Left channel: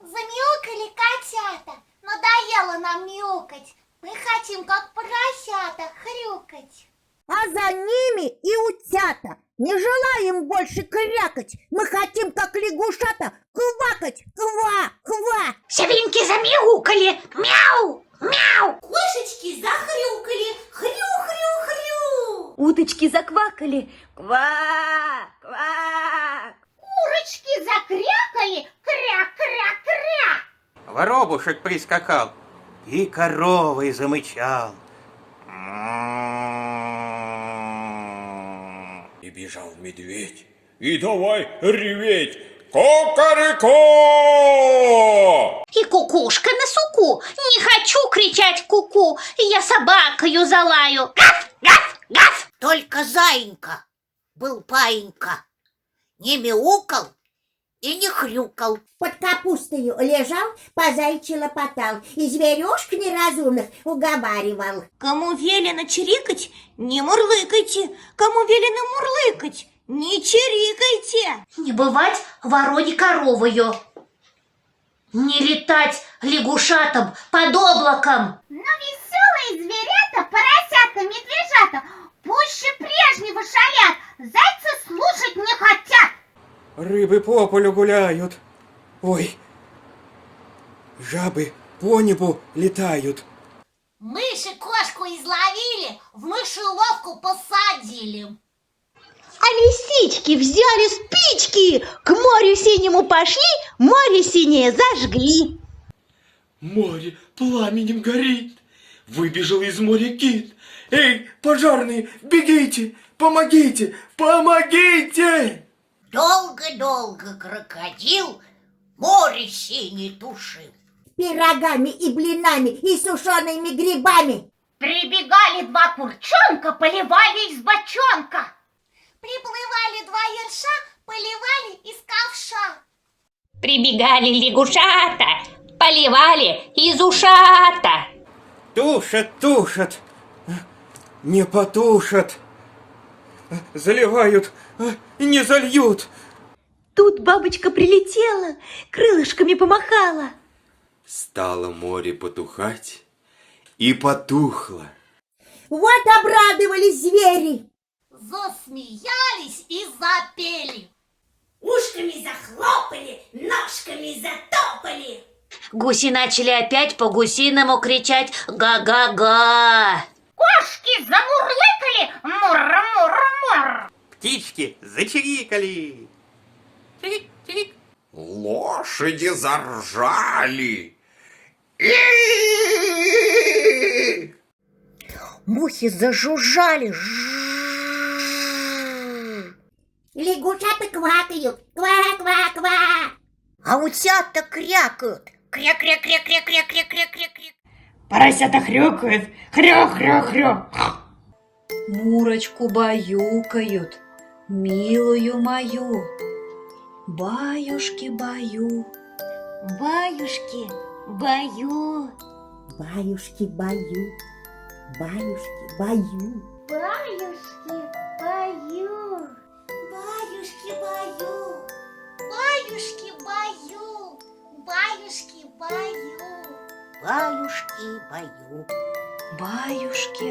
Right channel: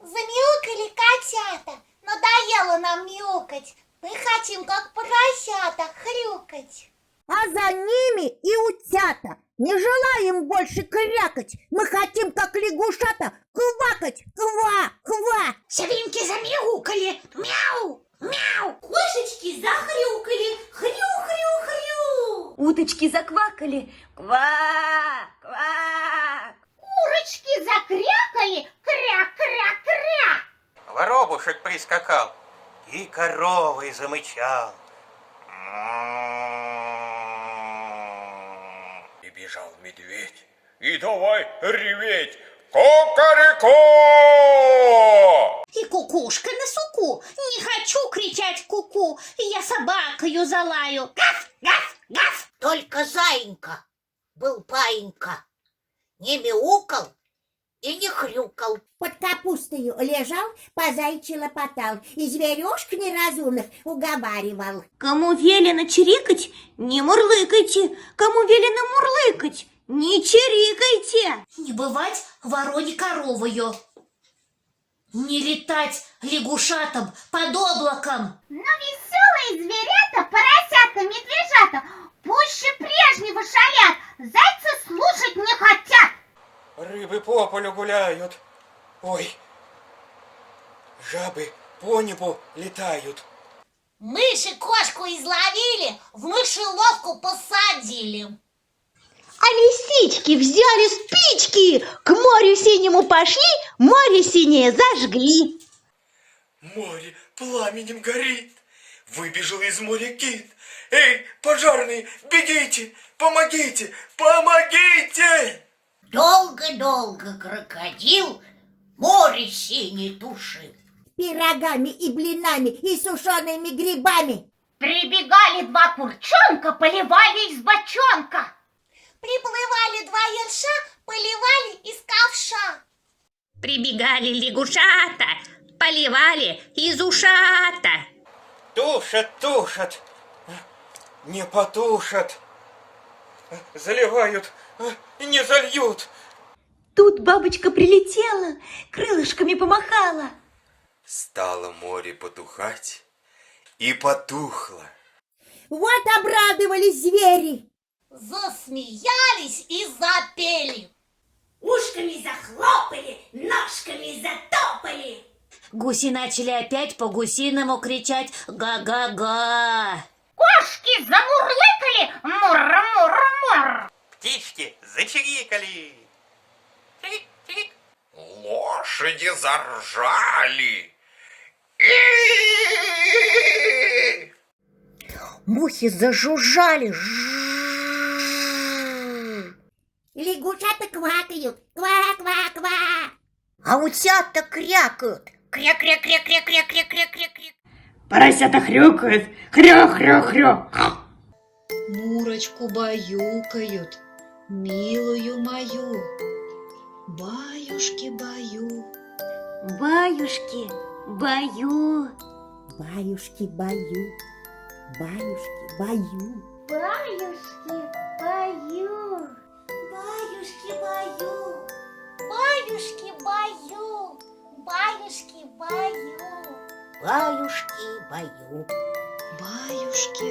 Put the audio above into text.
Замяукали котята. Надоело нам мяукать. Мы хотим, как поросята, хрюкать. А за ними и утята. Не желаем больше крякать. Мы хотим, как лягушата, квакать. Ква, ква. Свинки замяукали. Мяу, мяу. Кошечки захрюкали. Хрю, хрю, хрю. Уточки заквакали. Ква, ква. Курочки закрякали. Кря-кря-кря. Воробушек прискакал и коровой замычал. И бежал медведь, и давай реветь. Кукареку! И кукушка на суку. Не хочу кричать ку-ку. Я собакою залаю. Гав, гав, гав. Только заинька был паинька. Не мяукал и не хрюкал. Под капустою лежал, по зайчи лопотал. И зверюшек неразумных уговаривал. Кому велено чирикать, не мурлыкайте. Кому велено мурлыкать, не чирикайте. Не бывать вороне коровою. Не летать лягушатам под облаком. Но веселые зверята, поросята, медвежата пуще прежнего шалят. Зайцы слушать не хотят. Рыбы по полю гуляют. Ой, жабы по небу летают. Мыши кошку изловили, в мышеловку посадили. А лисички взяли спички, к морю синему пошли, море синее зажгли. Море пламенем горит, выбежал из моря кит. Эй, пожарные, бегите, помогите, помогите! Долго-долго крокодил море синее тушил. Пирогами и блинами и сушеными грибами. Прибегали два курчонка, поливали из бочонка. Приплывали два ерша, поливали из ковша. Прибегали лягушата, поливали из ушата. Тушат, тушат, не потушат. Заливают и не зальют. Тут бабочка прилетела, крылышками помахала. Стало море потухать и потухло. Вот обрадовались звери. Засмеялись и запели. Ушками захлопали, ножками затопали. Гуси начали опять по-гусиному кричать «Га-га-га». Кошки замурлыкали, мур-мур-мур. Птички зачирикали. Чирик-чирик. Лошади заржали. Мухи зажужжали. Лягушата квакают. Ква-ква-ква. А утята крякают. Кря-кря-кря-кря-кря-кря-кря-кря. Поросята хрюкают, хрю-хрю-хрю. Мурочку баюкают, милую мою, баюшки-баю. Баюшки-баю. Баюшки-баю. Баюшки-баю. Баюшки-баю. Баюшки-баю. Баюшки-баю. Баюшки-баю. Баюшки-баю. Баюшки,